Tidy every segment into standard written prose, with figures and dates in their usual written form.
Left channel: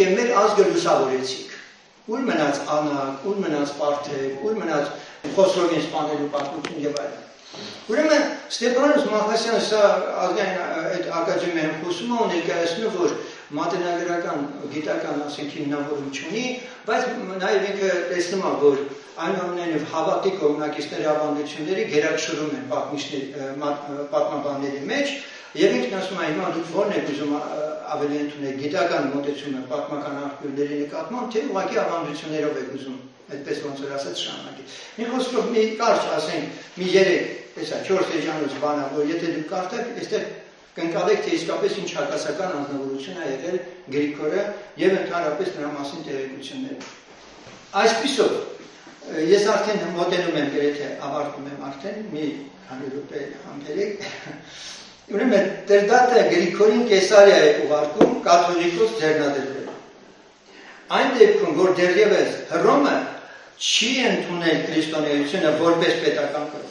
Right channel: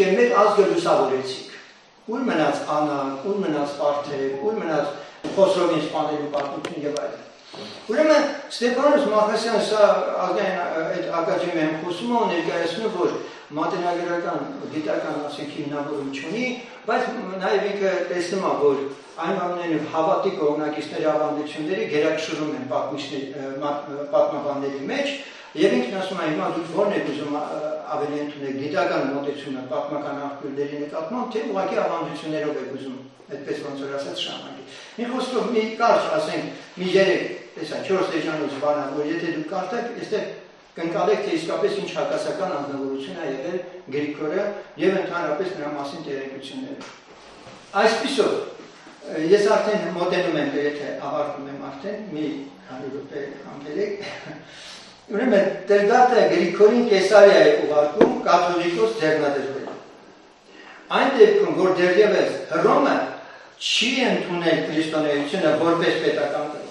եւ մեր ազգը լուսավորեցիք։ Ուր մնաց Անակ, ուր մնաց Պարթև, ուր մնաց Խոսրովին սպանելու պատմություն եւ այլն։ Ուրեմն Ստեփանոս Մախասյանը սա ազգային այդ ակադեմիայում խոսում է ներկայացնում, որ մատենագրական գիտական ասենք հիմնավորում չունի, բայց նաեւ ինքը տեսնում է, որ այնուամենայնիվ հավատի կողմնակիցների ավանդությունների գերակշռում են պատմաբանների մեջ, եւ ինքն ասում է հիմա դուք ո՞րն եք ուզում ավելի ընդունել գիտական մոտեցումը պատմական աղբյուրների նկատմամբ, թե ուղղակի ավանդություններով եք ուզում, այդպես ոնց որ ասած շարունակել։ Մի խոսքով մի կարճ ասենք, մի 3-4 էջանոց բան, որ եթե դուք կարդաք, այստեղ կընկալեք, թե իսկապես ինչ հակասական անձնավորություն է եղել Գրիգորը եւ ընդհանրապես նրա մասին տեղեկությունները։ Այսպիսով ես արդեն մոտենում եմ, երբ ավարտում եմ արդեն, մի 100 րոպե համբերեք։ Ուրեմն Տեր-Դատը Գրիգորին Կեսարիա է ուղարկում կաթողիկոս ձեռնադրվելու։ Այն դեպքում, որ դեռևս Հռոմը չի ընդունել քրիստոնեությունը որպես պետական կրոն։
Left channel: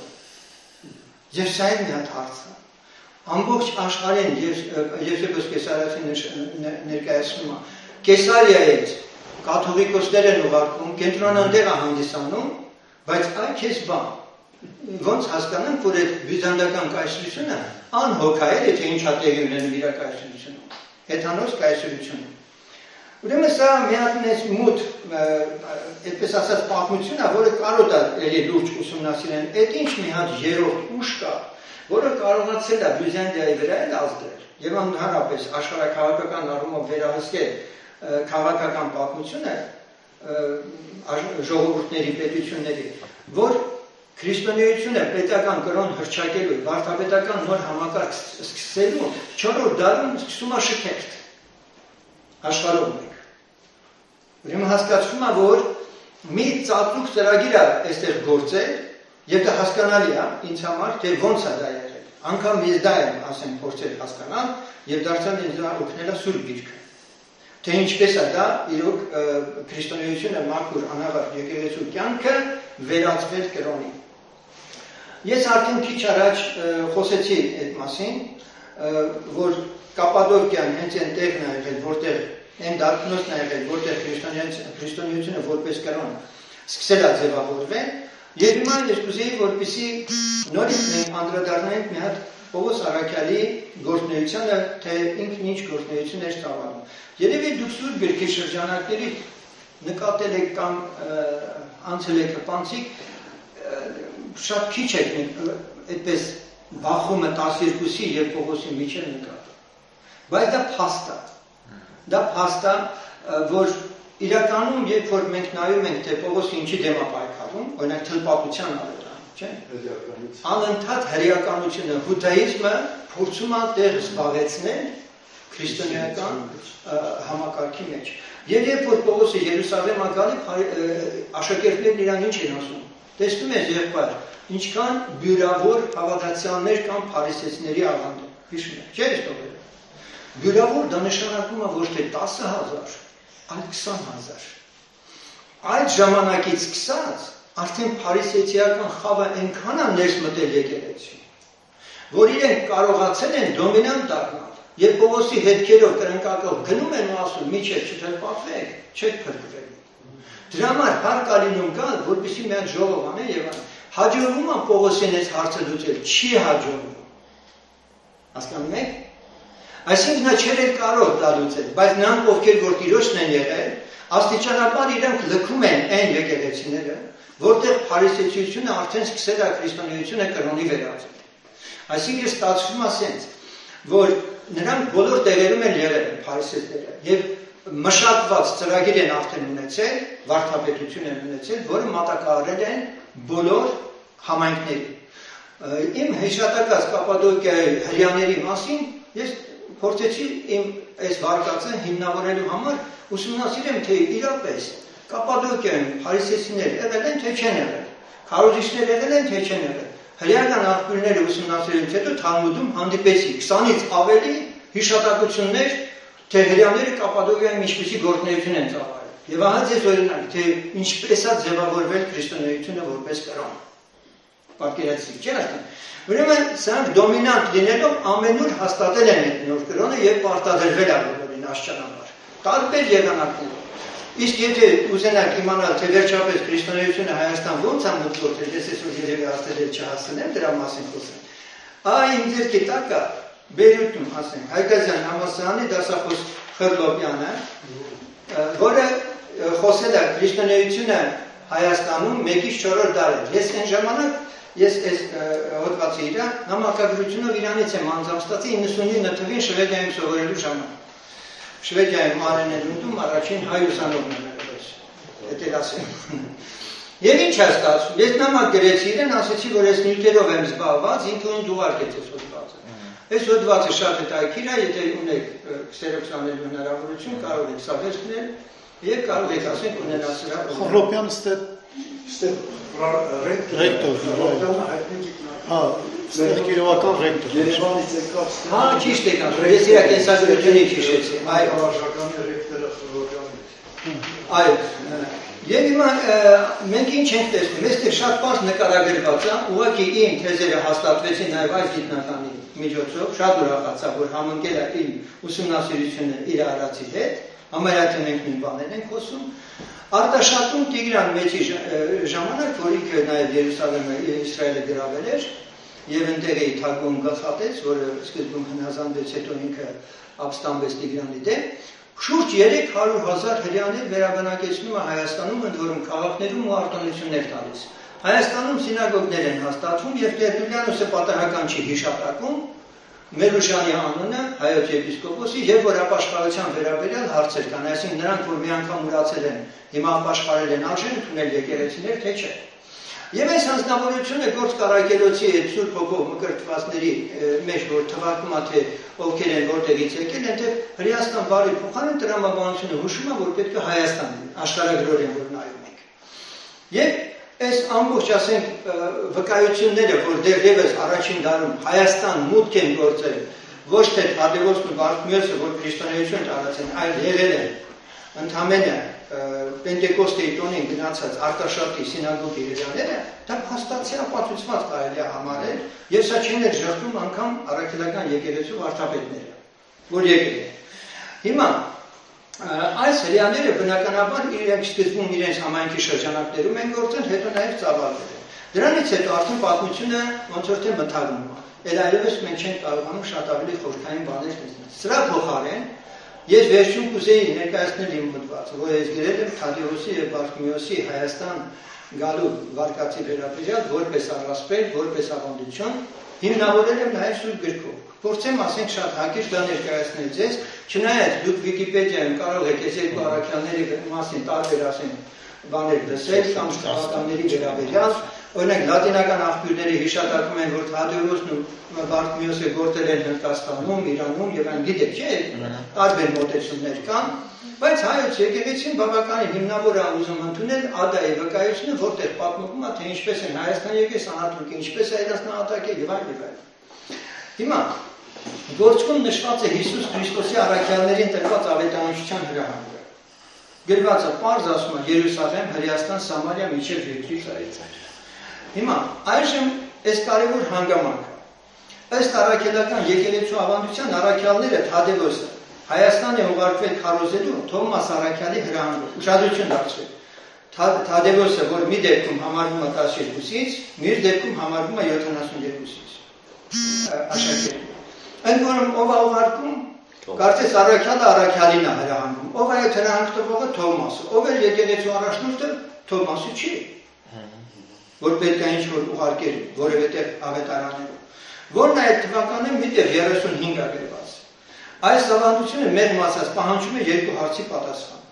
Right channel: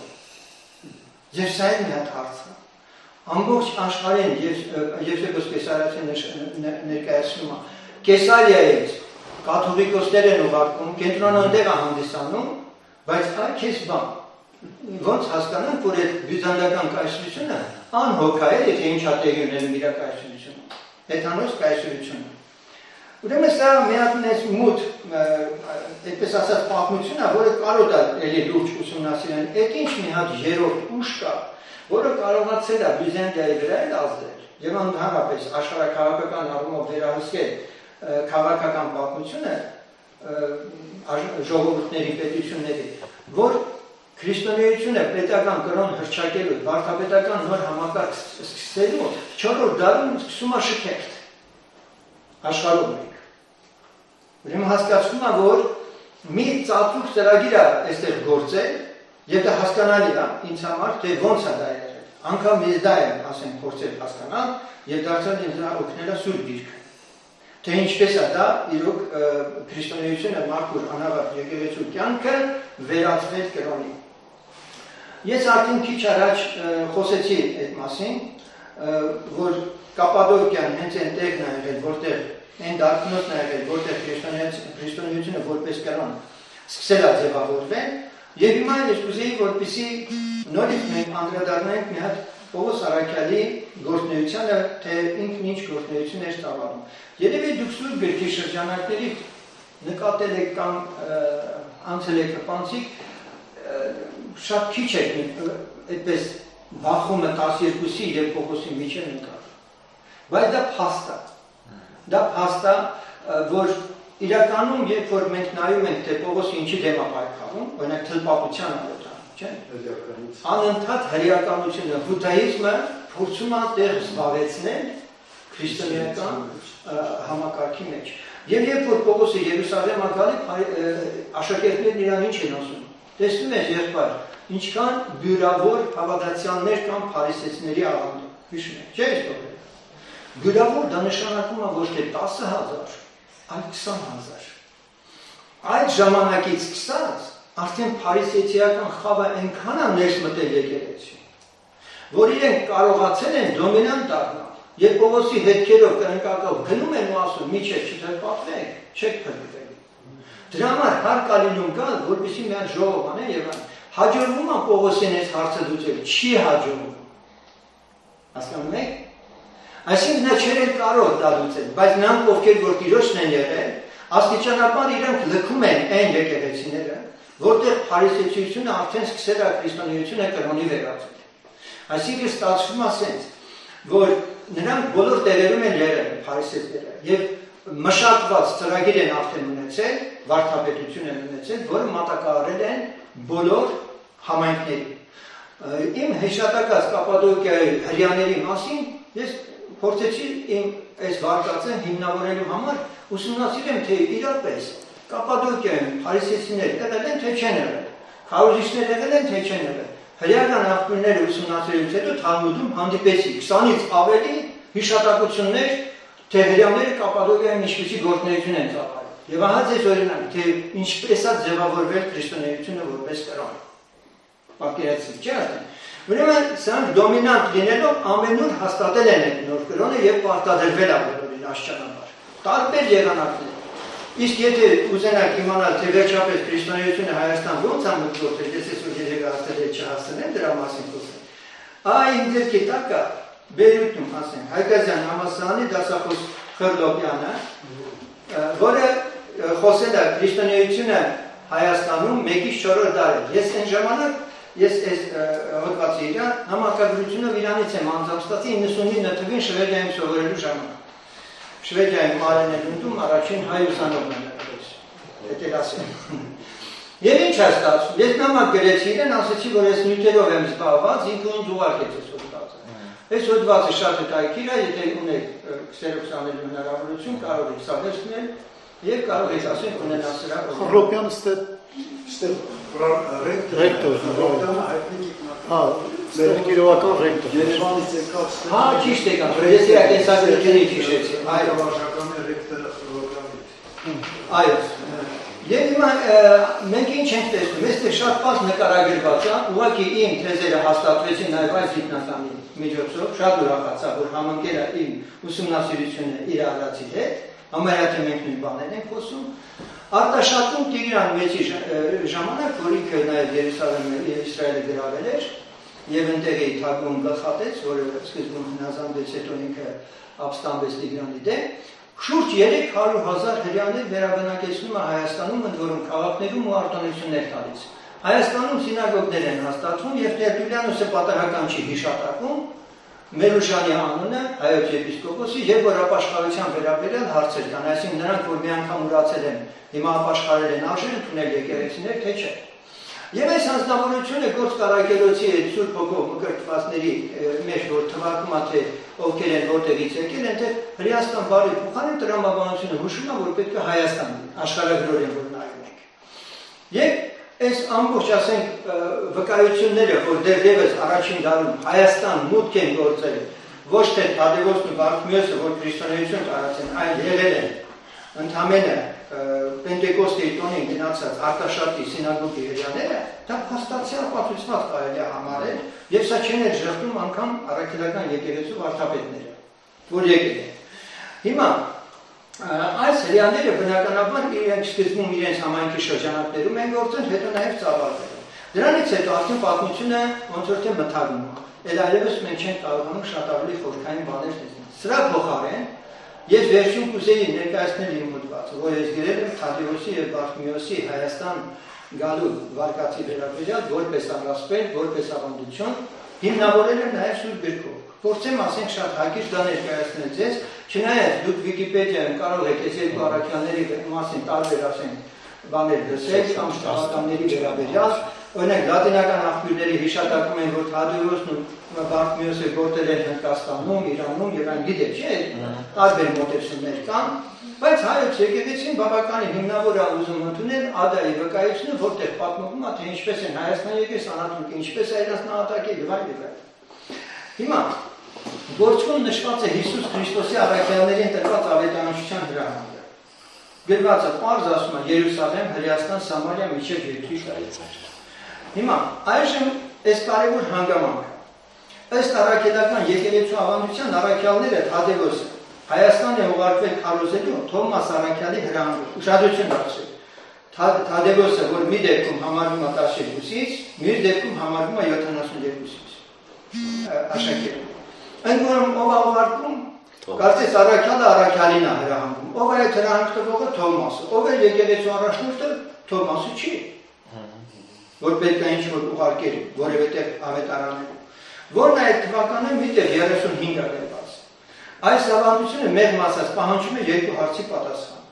Եվ սա է մի հատ հարց է։ Ամբողջ աշխարհին Եվսեփոս Կեսարիացին ներկայացնում է Կեսարիայից կաթողիկոսներ են ուղարկում, կենտրոնը այնտեղ է հանդիսանում, բայց այ քեզ բան։ Ոնց հասկանանք, որ այդ բյուզանդական կայսրությունը անհոգ է, եթե ինչա տեղի ունենում իր կայսրությունում, հեթանոս կայսրությունը։ Ուրեմն սա մի հատ մեծ մութ, այդպես ասած պատմություն է, որը կարող է լուրջ ուսումնասիրել։ Այդ ինչ մի հատ երրորդ ուժ կա, որը կարողացել է Բյուզանդիայի վրա ազդել եւ ընդհանրապես աշխարհաքաղաքական առումով վերահսկել քաղաքական պատմությունը ժողովուրդների պետությունների, որ քրիստոնեությունը պետական կրոն հռչակելու, վարդապետական նոր համակարգ սկսելու 4-րդ դարում սկսում է շքերթ աշխարհում մեկ։ Ուրեմն հասկացվում է, որ մի ծածուկ ծրագիր է այստեղ գործել, եւ դա հասկանալի է ինձ համար, թե ոնց է դա եղել։ Անկամ ես դա եմ, ասենք, փորձել հասկանալ եւ դարձյալ ինձ օգնել է Սուրբ Գիրքը։ Թե ինչպես է դա իրոք քրիստոնեությունը մաքուր անավարտ եկեղեցու կյանքը վերածվել կրոնի։ Ես արդեն քիչ առաջ խոսեցի այդ մասին, որ Կապադոկիան հենց այնտեղն է եղել, որտեղ այն դարբնոցն է եղել, որտեղ քրիստոնեությունը որպես կրոն սկսել է ձևավորվել, եւ հիմա ես կուզեի, որպեսզի նորից մենք անդրադառնանք մի հատ Պողոս Առաքյալի գործունեությանը, թե ինքն ինչ գործունեություն էր ծավալում։ Երևի դուք Սուրբ Գրքի շրջանակներից նկատել եք կամ անցել եք հպանցիկ, շատ քիչ եք այդպես բախումը 12-ի եւ Պողոսի միջև նկատել։ Բայց դա փաստ է։ Դա փաստ է, որ իրականում երբ որ մենք նայում ենք, թե Պողոսը ինչի դեմ է պայքարում, օրինակ թլպատության արետան, չէ՞։ Անընդհատ հրեականությունը, հուդայիզմը փորձում է տեղ զբաղեցնել քրիստոնեական համակարգի մեջ։ Եվ երբ որ Պողոսը Երուսաղեմ է գալի, աշակերտներն իրան ինչ են ասում։ Տեսնում ես եղբայր, ինչքան բյուրավոր հավատացյալներ կամ փարիսեցիների աղանդը։ Հիշում եք, չէ՞ այս բյուրավոր դա նշանակում է ոչ թե 10,000, այլ 20,000։ Այդ ժամանակից սկսած արդեն փարիսեցիական խավը այնքան է ներս մտել եկեղեցի, որ իրենք կարողացել են դոմինանտ դառնալ։ Երբ Պողոսի հետքերով կրնկակով գնում են ու ասում՝ «Միջև չթրպատվեք, չեք փրկվելու»։ Դրա համար հարկ է լինում գալ, որպեսզի մի հատ ժողով անեն եւ հաջողվում է Պողոսին այս հարցը լուծել, չի հաջողվում։ Հասկանում եք։ Այսինքն նա չէր կարող դա լուծել, բայց նրանք ովքեր որ տիրոջն են եղել, աստիճանաբար իրանք լքում են այն եկեղեցիները, որտեղ փարիսեցիությունը արդեն սկսել է քրիստոնեությունը կրոնի վերածել։ Այսինքն ստացվում է ասենց, որ նրանք բոլոր տեղերում են եղել փարիսեցիները եւ մշակված ծրագիր են արդեն ունեցել, վարդապետություն են ունեցել, որը մատակարարել են բոլոր համայնքներին։ Իմ հեշտակած Կապադոկիայի հрьяաների մասին ես փորձեցի իմ այս վարկածը հիմնավորելու համար ուսումնասիրեմ, թե իրապես Կապադոկիայում փարիսեցիներ եղել են, թե չեն եղել, քարոզիչներ եղել են, թե չեն եղել։ Հրեական աղբյուրները ուսումնասիրելուց հետո Թալմուդում հանդիպեցի 20-ից ավելի հիշատակություններ, թե հրեաները Կապադոկիայում ինչպիսի գործունեություն են ծավալել։ Եվ ահա ձեզ օրինակ, թե ինչպես է ձևավորվել քրիստոնեությունը որպես կրոն։ Պատկերացրիք, չէ՞ արդեն։ Ուրեմն սրանք դոմինանտ լինելով ամենուր հաստատել են այդ նոր կրոնը եւ պարտադրվել է բոլորին աշճանաբար։ տարբեր եղանակներ։ Իսկ եթե ուզենաք իմանալ, թե վերջապես քրիստոնեությունը Հայաստան ոնց է մուտք գործել, ես այսօր երևի աստել չհասնեմ դրա մասին խոսեմ։ Այն ձերքի տակը Բեյրութում, ասենք, Հայկազյան համալսարանի դասախոս Խրլոպյանը, որը խոսել է քրիստոնեությունը Հայաստանում 1-ից 4 դարեր։ Ես այն ժամանակ ես այս հոդվածի իր նամակագրությունով իրանից եմ անձամբ ստացի 99 թվին Շվեդիայում սովորելու ժամանակ։ Շվեդիայում Արենելունդում առաջին հայ ուսանողն էր, դա ասեմ։ Եվ ինչ է ստացվում, ես նամակ գրեցի իրեն, ասեցի, որ ես նյութերով եմ զբաղված, ինքը ինձ ուղարկեց այս հոդվածը։ Այս հոդվածը շատ հետաքրքիր է, եթե ունեք քսերոքսանելու հնարավորություն, կարող եք սա վերցնել եւ կարող եք ասենք ունենալ սրա։ Խրլոպյանը ռեկտոր, մեր գիրողական ռեկտոր։ Երևանից եկավ ստեղ։ Հա, ճիշտ եք ասում, ես իր կենսագրությունից հիշեցի։ Այո, վարչականի ռեկտորը Խրլոպյանից։ Այո։ Եվ հիմա մենք ինչ ենք տեսնում, այստեղ շատ բան նկարագրված է, ուղղակի իմ թեզերը հաստատվեցին նաև այս գիտնականի միջոցով, շատ ուրախացա, որ համընկել է իմ ուսումնասիրությունը իր արածի հետ, համարյա թե մենք նույն բաներ ենք խոսում։ Արտաշատում Տիգրան Մեծի ժամանակ, որ ինքը նաև Երուսաղեմը Իսրայելը գրավել էր, եւ ընտեղ էի թագուն գլխատեց, որը սկզբում հնազանդվեց, հետո ինքը ապստամբեց Տիգրանի դեմ, շուրջ 300,000 հրեաներ վերաբնակեցնում է Հայաստանում, ընդ որում քաղաքներում ու արտոնություններ տալիս։ Հայաստանում սինագոգներ են հաստատվում եւ Տերտուլյանոսը պատահական չի հիշատակում Մերուշանի անունը հայոց եպիսկոպոսի եւ որ ապաշխարության վերաբերյալ հարցեր կան, այսինքն նրանք որ մի անգամ ուրացել են, հիմա ապաշխարել են արժեն ընդունել եկեղեցիներ, թե չէ։ Եվ այս հանձնավորությունը գործ կարակելոցի Սուրբ Հոգով մկրտվածների մեջ որ թվարկում է թե ովքեր են որտեղից եկել, այնտեղ հրեական բարի փոխարեն տրամաբանությունը հուշում է, որ պետք է Հայաստան աշխարհագրորեն որ նայում ենք։ Եվ այս ամբողջ ասենք վկայությունները, որ դեռևս առաջին դարում Հայաստան մուտք են գործել, ոչ թե Թադևոսն ու Բարթմեոսը, որ քրիստոնեություն տարածեն, այլ եղել են ընդհանրապես Պենտեկոստեի տոնին գնացած Արտաշատի սինագոգի հրեաները, դա փաստացի ապացուցված կարելի է համարել, եւ սա չեն էլ ժխտում անգամ առաքելական եկեղեցու վարդապետները, որ եկել են։ Հիմա այս հրեաները բնականաբար իրենք սկզբում իրենց համայնքի շրջանակներում են գործել, հետո նաև ծավալվել են։ Դրանից հետո արդեն պատմությունը ոնց որ թե մթագնում է։ Էլ այլևս մենք չենք կարողանում շատ ավելի խորքային բաներ տեսնել։ Սրա փոխարեն ես վերջում կուզեի ներկայացնել իմ մտածը, որ ես գրել եմ Թադեոսի եւ Բարթմեոսի Հայաստան գալու վարկածի վերաբերյալ որպես առասպել, որպես ավանդություն, հիմնավորել եմ նաև Սուրբ գրքով։ Փորձեմ ասենք շատ հակիրճ դա ներկայացնել ձեզ, չնայած դուք Վիկիպեդիայում կարող եք այս երկու առաքյալների մասին տարբեր ասենք բաներ լսել կամ շտապականների վերաբերյալ, օրինակ լատինական աղբյուրների հիշատակում են, որ Թադեոսն ու Բարթմեոսը գործել են Հնդկաստանում, Իրանում եւ այն գիտեք, չէ՞, տարբեր մոտեցումներ կան, բայց հայոց եկեղեցին բավականին հիմնավոր է ուզում ընդունել Ադայի վկայությունը, որտեղ պատմվում է, թե ինչպես են Հայաստան եկել, Սանաթուրքը ինչպես է իրենց նահատակել եւ այլ եւ այլ։ Հիմա գործում նշված է Հիսուս Քրիստոսի առաքյալներին տրված ավետարանչության հրահանգը։ Գրված է պարզ ասում է Երուսաղեմ, Հրեաստան, Սամարիա միջև երկրի տարածք։ Հիմա այժմ այս կարևոր հանգամանքը ըստ առաքելական եկեղեցու ավանդության առաքյալները Թադևոսը Հայաստան է ուղարկվել քարոզելու Թոմաս առաքյալի հրահանգով։ Ուշադրություն դարձրեք։ Թադևոսը, որ մի դեպքում համարվում է 12-ից, մյուս դեպքում համարվում է 72-ից։ Աշակերտ։ Ընդ որում ով է ուղարկում, կարծես առաքյալը առաքյալին է հրահանգում։ Ով է այդ հրահանգ տվողը Թոմասը։ Ով է եկեղեցու առաջնորդը Թոմասը չի։ Որ պետք է ինչ-որ ուղարկել որևէ տեղ ավետարաններում, որն այդ թվականը միտեղ 35 գրված։ Այս ավանդությունը մեր մասած պահանջում է երկու հարցի պատասխան։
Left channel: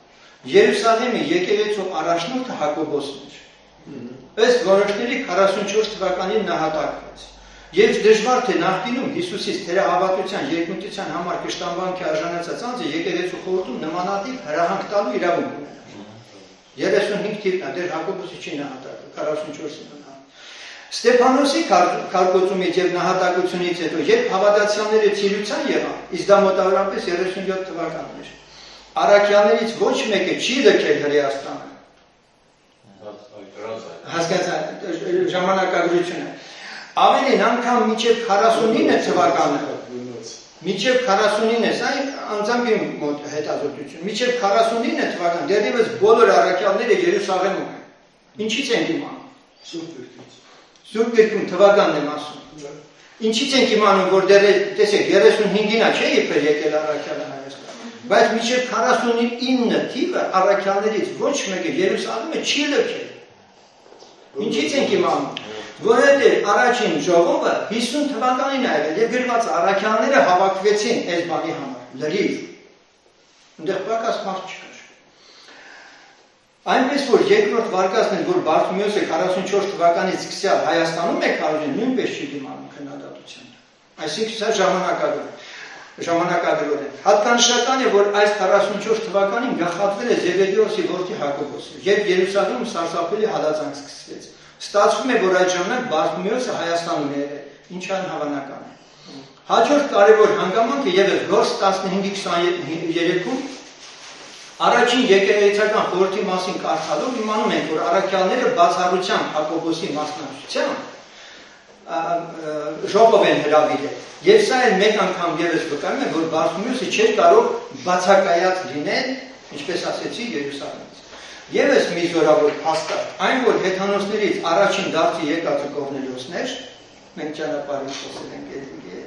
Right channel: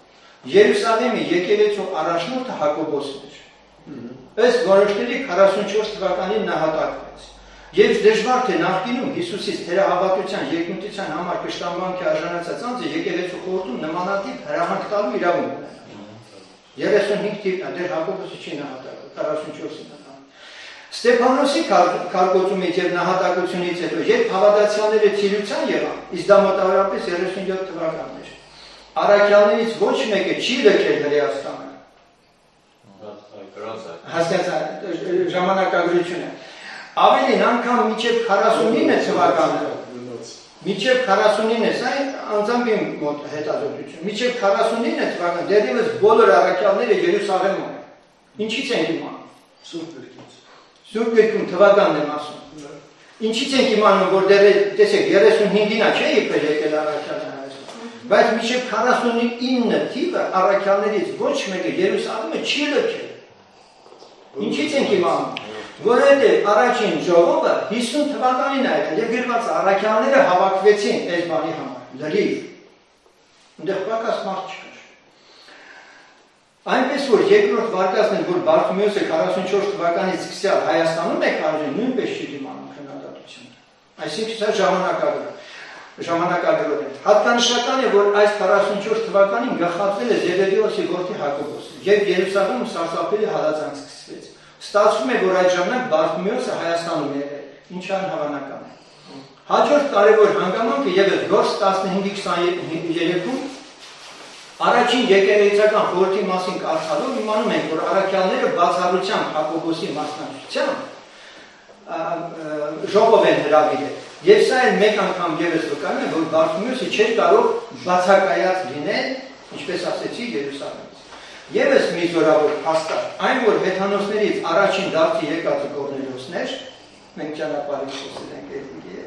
Երուսաղեմի եկեղեցու առաջնորդը Հակոբոսն էր։ Ըստ որոշների 44 թվականին նահատակվեց։ Եվ դժվար թե նախկինում Հիսուսից թերահավատության երկնության համար կշտամբանքի արժանացած անձը եկեղեցու խորհրդում նմանատիպ հրահանգ տալու իրավունք ունի։ 35 թիվն է, դեռ Հակոբոսը չի նահատակվել, 44-ին է։ Ստեփանոսի կարգոծումից եւ նահատակությունից հետո, երբ հավատացյալները ցիրության եղան, իսկ դա մոտավորապես 37 թվականն էր, առաքյալներից ոչ մեկը չի լքել Հրեաստանը։ Հասկացա ժամանակագրությունը։ Ավելին անգամ մինչև 49 թվականը Մինչև 49 սա անձամբ իմ մոտ հետազոտություն։ Մինչև 49 թվական դեռևս բոլոր առաքյալները Երուսաղեմում են։ Ինչից ենք իմանում։ Սուրբ Գրքում թվականն եմ ասում։ Ինչից ենք իմանում, որ դեռ տեսեք 35-ին չէ իբր եկել առաքյալը Հայաստան։ Բայց մինչև 49 թիվը առաքյալներից ոչ մեկը Երուսաղեմը չի լքել։ Ինչից ենք իմանում։ Որովհետև առաջին ժողովը 50 թվականին է եղել եւ գրված առաքյալները հավաքվեցին այս բանի համար լրիվ այնտեղ պակաս մարդ չկար այնպես որ երկրորդ վարկածն որ Բարթիմեոսը 44 թվականից սկսյալ Հայաստանում է կարելի նույնպես չի դիմանում քննադատությանը այսինքն սա ժամանակագրով է հատկանշական է որ այս 44 թվականին գլխատվել է Զեբեդեոսի որդի Հակոբոսը երբ Երուսաղեմում սարսափելի հալածանք սկսվեց Ստացվում է, որ այդ ժամանակ Բարթիմեոսը Հայաստանում է եղել, ինչը անհավանական է։ Հաջորդ կարևոր հանգամանքը ևս Գործ 15:23-ում առաջին եկեղեցական խորհրդի մասին կարդալով իմանում ենք, որ առաքյալները բացառությամբ Հակոբոսի մասնակցությամբ ժողով են հրավիրել։ Եվ սա էլ մեկ անգամ ևս վկայում է, որ Բարթիմեոսը չէր կարող բացակայած լինել, ինչպես ասեցի, Երուսաղեմից։ Եվս մի զորավոր հաստատ, այն որ հեթանոսներից առաջին դարձի եկածը Կորնելիոսն էր, մենք ճանապարհին խոսել ենք այդի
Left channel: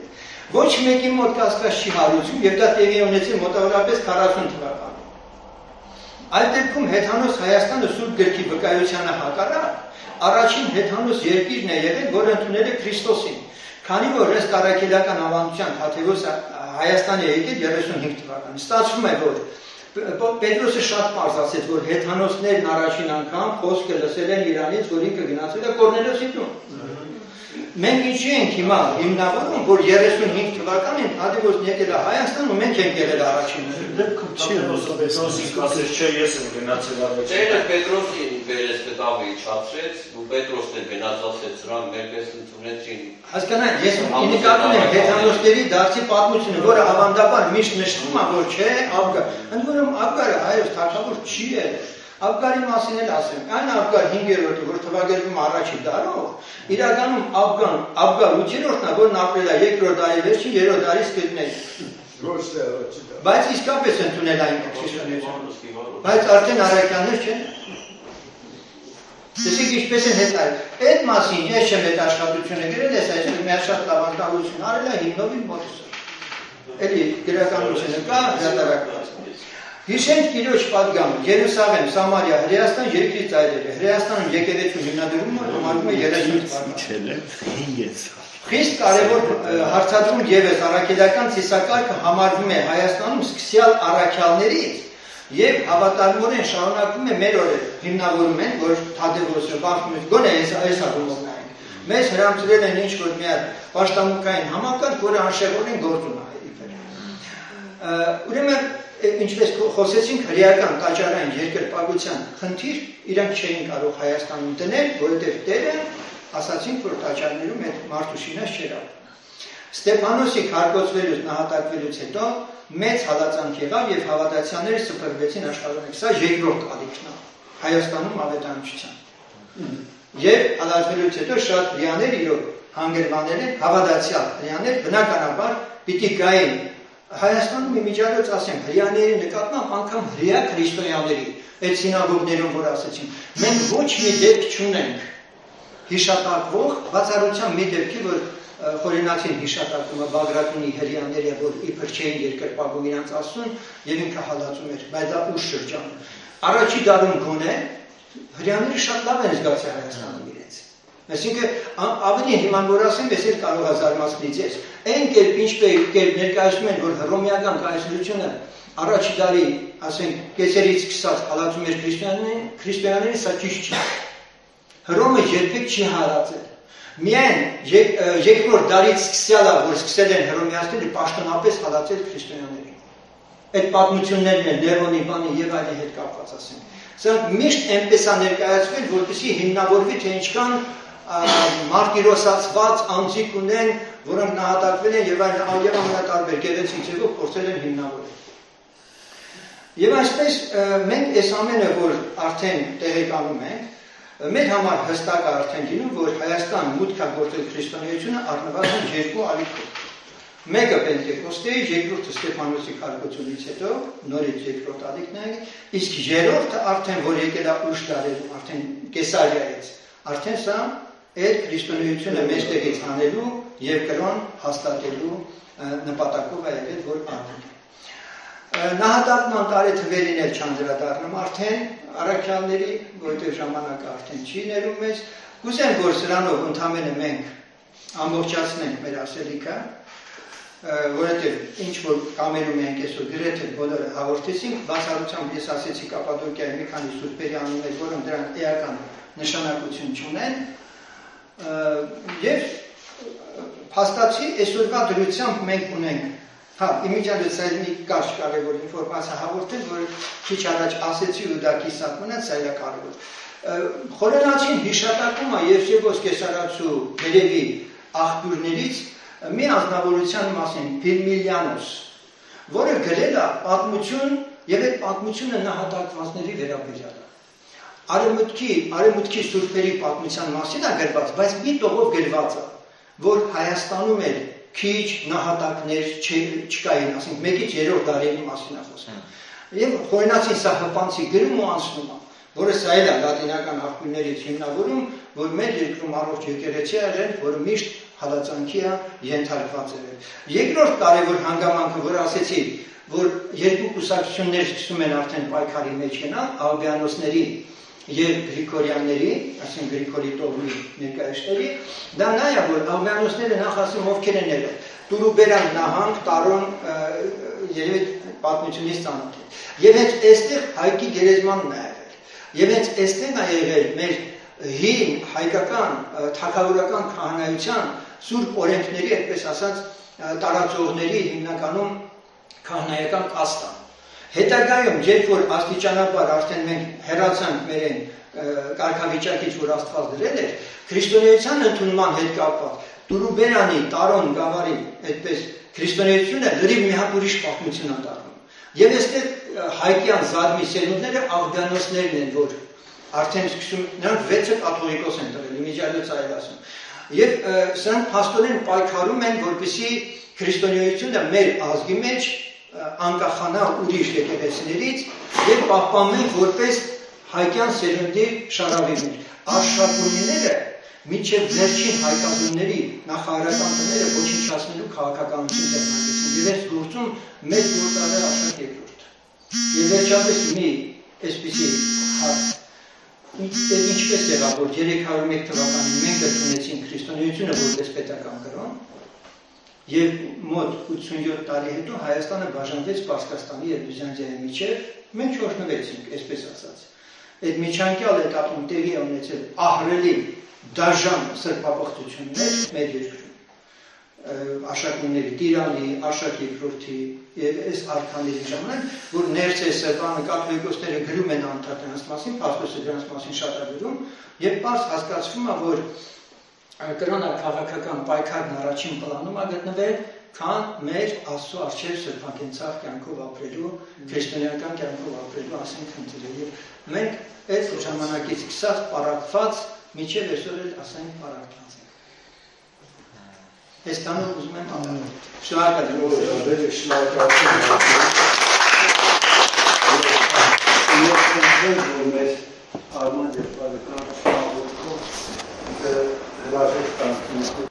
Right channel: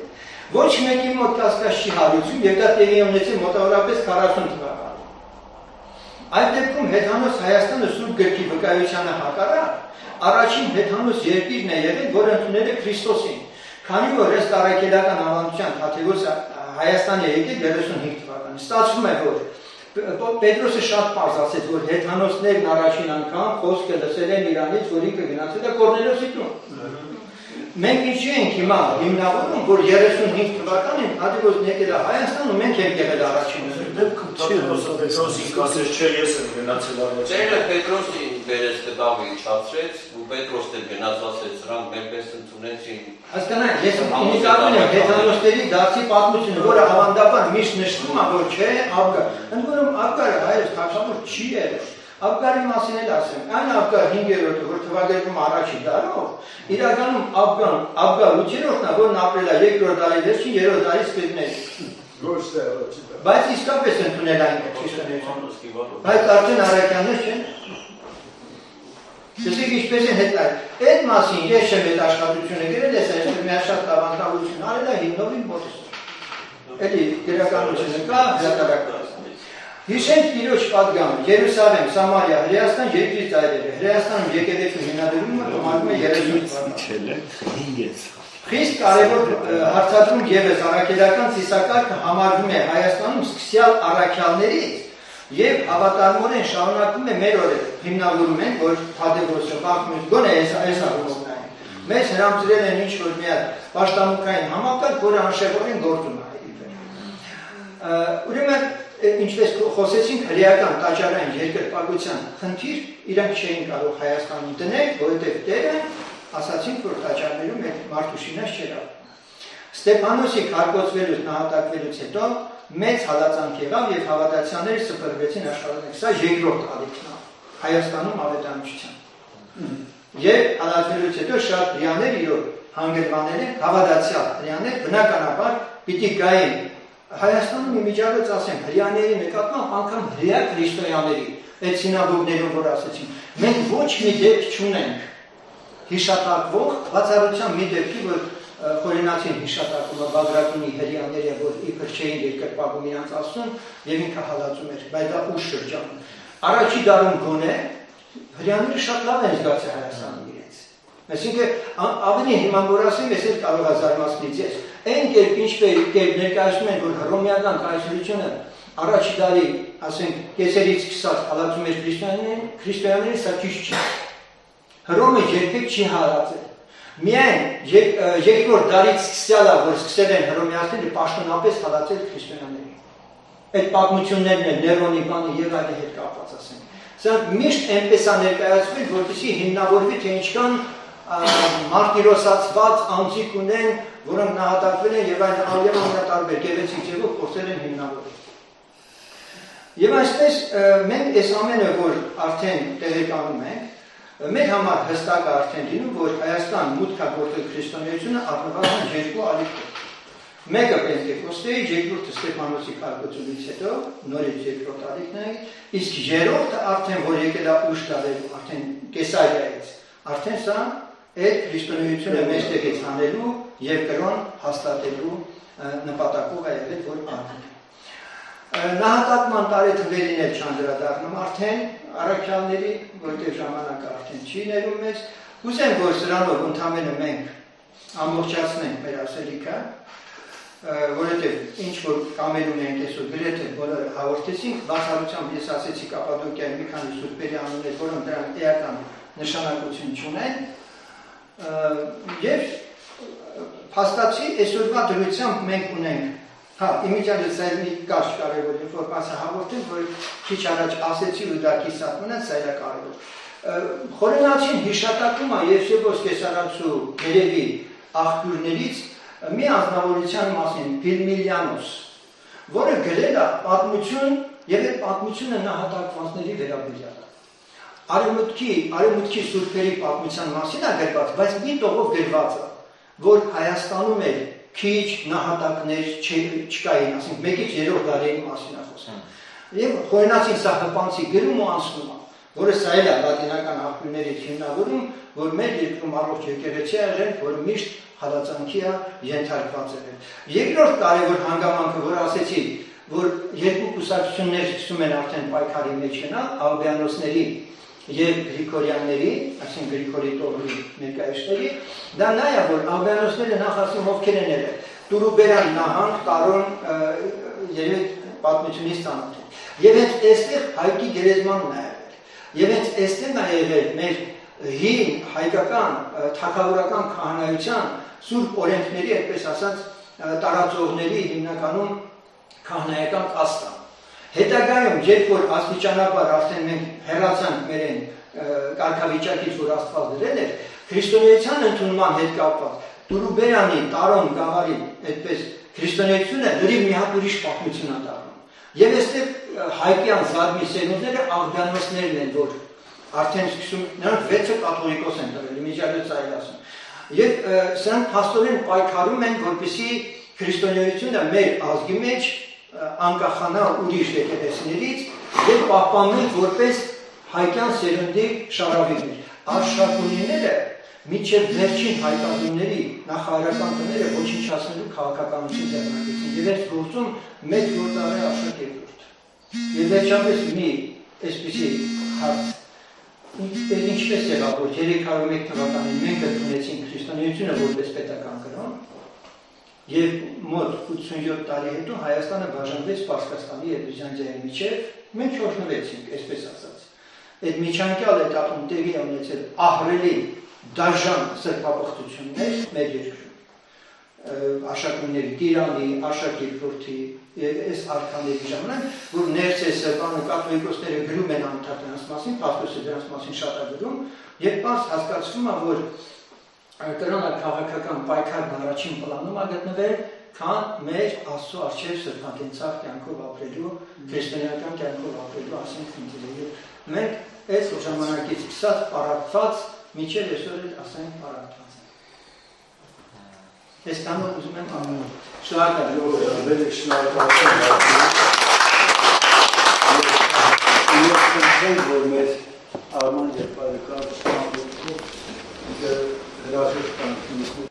ոչ մեկի մոտ կասկած չի հարուցում եւ դա տեղի ունեցել մոտավորապես 40 թվականին։ Այդ դեպքում հեթանոս Հայաստանը Սուրբ Գրքի վկայությանը հակառակ առաջին հեթանոս երկիրն է եղել, որը ընդունել է Քրիստոսին, քանի որ ըստ առաքելական ավանդության Թադևոսը Հայաստան է եկել 35 թվականին։ Ստացվում է, որ Պետրոսը շատ պարզ ասեց, որ հեթանոսներն առաջին անգամ խոսքը լսել են Իրանից, որ ինքը գնացել է Կորնելիոսի տուն։ Մենք ինչի ենք հիմա հիմնավորում, որ 35 թվականին Թադևոսն եկել է Հայաստան ու մենք ենք եղել առաջինը։ Պետրոսի ասես չէ, ես եմ գնացել առաջ։ Տերը Պետրոսի վերես կտավը իջացրեց, ու Պետրոսն էլ գնաց ասեց, սրանք մերպես ընդունեցին։ Հասկանաք, ես ինիկատում եմ հեթանոսների դարձի պատմությունը, որը ավանդաբար միշտ նշվում է, որ չէ, Աբգար։ Ընդ որում Աբգարը հայոց թագավոր չի եղել։ Աբգարի մասին էլ ասեմ, այն Աբգար 5-րդը, որ թվագրվում առաջին դարով, իրականում Աբգար 8-րդն է, որն ապրել է 2-րդ դարի վերջին, 3-րդ դարի սկզբին։ Բայց իսկապես ընդունել այն քրիստոնեությունը։ Բայց արդեն առաքյաններ չեն։ Տեսեք ինչպես են հետ այդ մասին ես չեմ այդ աշխատությունը գրել, ես այստեղ մի շատ ավանդություն արել է հիմնովին մոտս։ Էլի գրականությունը կա, հրատարակված։ Հիշենք Տիրոջ պատգամը, Երուսաղեմ, Սամարիա, Հրեաստան երկրի ծայրերը, Հրեաստանում եկեղեցու հիմնադրումը համարվում է 30 թվականին։ Խիստ կարևոր հարցածում ևս առաքելական ծիսակարգը համարվում է Հայաստանում սկսյալ առաքյալներից եւ հավատարմորեն շարունակվում է մեր օրերը։ Հիմնավորում են, որ Թադևոսը, Բարթիմեոս գոնե այս աղումովնային։ Մեզ հրամցրել են ինչ որ մի հատ պաշտամունքային համակարգ, որը անշեղորեն գործում է։ Ուրեմն ինչպես խոսեցինք հրեական տաճարային երկրպագության խնդիր իրանք չէին կարող Հայաստանում դնել, որովհետև Տերը ասացինք, որ տաճարներում այդ մարդուշինած չէր ապրում։ Ստեփանոսի քարկոծվելուց նահատակվելուց հետո մեծ հալածանք եղավ եւ հավատացյալները սփռվեցին աշխարհում։ Սա երկրորդ ալիքն է Հայաստանում ավետարանչության։ Եվ հալածվելուց հետո շատ հрьяաներ իրոք հանգրվանել են հավատացյալ հрьяաներ բնականաբար պիտի գային Հայաստանում իմիջիալոց ասեմ, հрьяաների նկատմամբ անգամ հрья քրիստոնյաների, այդ սինագոգներում որ ասեցին, մենք ոչ մի դեպք չունենք հիշատակվող, բացառությամբ մի դեպքի, որ խորենացին հիշատակումը Բագրատունի հрьяաները, որ իբր չէին երկրպագում իրանց ասում եւ ինքը հալածում էր, բայց դա ուշ շրջան։ Առաջի դարում գոնե հрьяաները շատ լավ են զգացել Հայաստանում իրենց։ Այսինքն ավելի հիման որ ասեմ, ես էլ կարող եմ զարմացնել ձեզ։ Այն կերպ ինչպես ներկայացնում են, որ հռոմեական կայսրությունը առաջի դարի, ասենք, կեսերից սկսած հալածում էր քրիստոնյաներին, սա ճիշտ չի։ Հռոմը երբեք չի հալածել։ Միայն երկրորդ դարից սկսյալը, որ սկսել են հռոմեացիները պաշտոնապես հալածել քրիստոնյաներին։ Այդ պատմություններն են Ներոնի բանը եւ այլի հետ կապված ասենք։ Սա միշտ այնպես է ներկայացվել, որպեսզի հիմնավորվի թե ինչքան մարտիրոսացված անձիկ ունեն, որոնք նահատակվել են եւ այլ ամենատարբեր գեղեցիկ ձևով փորձել են հիմնավորել։ Եվ այսպես մենք այս ամենը, որ արդեն տեղեկանում ենք, մեր համար հստակ է արդեն լինում, որ Հայաստան մուտք է գործել քրիստոնեությունը առնվազն երկու ալիքով։ Մեկը Պենտեկոստեի, երկրորդը Ստեփանոսի քարոզությունից հետո, նորից երկրորդ ալիքն, իսկ երրորդը արդեն որ եկել է ուշ տարերում, արդեն Կեսարիայից, արդեն սա այդ քրիստոնեությունը մեջտեղից հանելու եւ կրոն հաստատելու նպատակով է եղել, որ արվել է։ Նահատակման տարեթվերին էլ չանդրադառնում արդեն առաքյալների, որտեղ ժամանակը արդեն չի ներում մեզ, կուզեմ, որ սրանով ընդամենը մենք ամբողջացնենք մեր ասելիքը, որովհետև ինչ որ կամենում ենք այսօր գրեթե բոլորը հաղորդեցինք, բացառությամբ ես ասեցի Կապադոկիայի մի քանի սուրբերի անուններ, որոնք դրանք էական նշանակություն չունեն, եւ փաստացի այսօրվա դրությամբ մենք ունենք, իմիջիալից այդ մի կարճ կարևոր ինֆորմացիա հաղորդել, որ քիչ առաջ ասեցի ու դա կիսատուն է, սա է կարևոր։ Խորենացին հիշատակում է Եվսեբոս Կեսարացու երևի աղբյուրներից մի անձնավորության մասին Փիրմիլիանոս, որը գրել է պատմություն եւ այդ պատմությունը նահատակվածների վերաբերյալ է։ Արևմուտքի սուրբերի պատմության մասին է գրված, բայց մի տողով գրված է, որ Հայաստանում էլ քիչ նահատակներ չկային, ասենք 1-ից 3 դարերի մասին է խոսքը։ Եվ Խորենացին սա հպանցի գրում ու անցնում է, որը սա էլ է լատինական աղբյուրներից հիմնավորում, որ մեր երկրում առողջ եկեղեցի է եղել, որ միշտ հալածանքի է ենթարկված եղել։ Երկրորդ կարևոր հանգամանքը, որ ասեցի, որ երկու կուսակցություններ սկսում են արդեն պայքարի մեջ գնալ, ալբիանոսների եւ Գրիգորյանների, այսինքն Գրիգորի տողի ներկայացների, դա նա է, որ ալբիանոսները նախ ասում ովքեր են եղել, Տուրուբերան նահանգ, Տարոն, երևի պատմությունից ծանոթ են։ Եվ հենց այստեղ հայկի գերեզմանն է եղել։ Եվ հենց այստեղ է եղել մեր հին հայկական թագավորական քահանայության սուրբ օրենքների, այդպես ասած, տարածողների հիմնականում քահանայական կաստան։ Հետագայում, երբ որ աստիճանաբար արդեն մենք հեռացանք մեր այն կարգավիճակից, որ Աստված դրել էր, քրիստոնեության ընդունման հետ կապված Տուրուբերանի, Տարոն, Գավառի, այդպես քրիստոնեությունը լրիվ մի հատ ուրիշ պատմություն է դառնում։ Եվ այստեղ հայկյան զարմի սերունդները աղբյանոսներն են, որ արդեն սկսում, նրանք 6-ը կաթողիկոս են դրել, իմիջիալից այլ ասում։ Եվ սրանք փաստորեն պայքարում են, որպեսզի քրիստոնեությունը մեր ազգի մեջ անկախանա ուրիշ եկեղեցիներից եւ պահպանվեն որպես հայկյան սերնդի շարավիներ։ Արշակունիները մինչև վերջին հայկազնների նախահայրական տները ոչնչացնելու քաղաքականություն ձեռնարկեցին եւ այս գործում մեծ գործարար է Աշակ երկրորդ։ Եվ վերջապես մի այսպիսի հարց ինչպես եղավ, որ 301 թվականին մենք ընդունեցինք քրիստոնեությունը որպես պետական կրոն եւ մոտ 87 տարի հետո Հայաստանը բաժանվեց Պարսկաստանի եւ Բյուզանդիայի միջեւ, մենք չօրհնվեցինք, այսպես ասած։ Այդ միջանկյալ էտապում տեղի ունեցել ահռելի դաժան սրբապղծություններ մեր երկրում։ Աշակունների Տիրանի, Աշակ երկրորդի այս արքաների ժամանակ, որ ներս է սրբանը կաթողիկոսները գրում են անդադար դրանց մասին, Պաստոսը դրանց մասին շատ է գրում, եւ պարզ հասկացվում է, որ կրոնաքաղաքական պայքարն առաջին պլանում է գտնվել, քան մեր Աստծո առջև սրբակենցաղ կյանքով ապրելու, քրիստոնեական կյանքով ապրելու, ասենք խնդիրը։ Եվ մենք այս ժամանակից սկսած պարակված, մինչև այսօր էլ ասենք պարակված ենք։ Այստանով ուզում եմ անել։ Շնորհակալ եմ։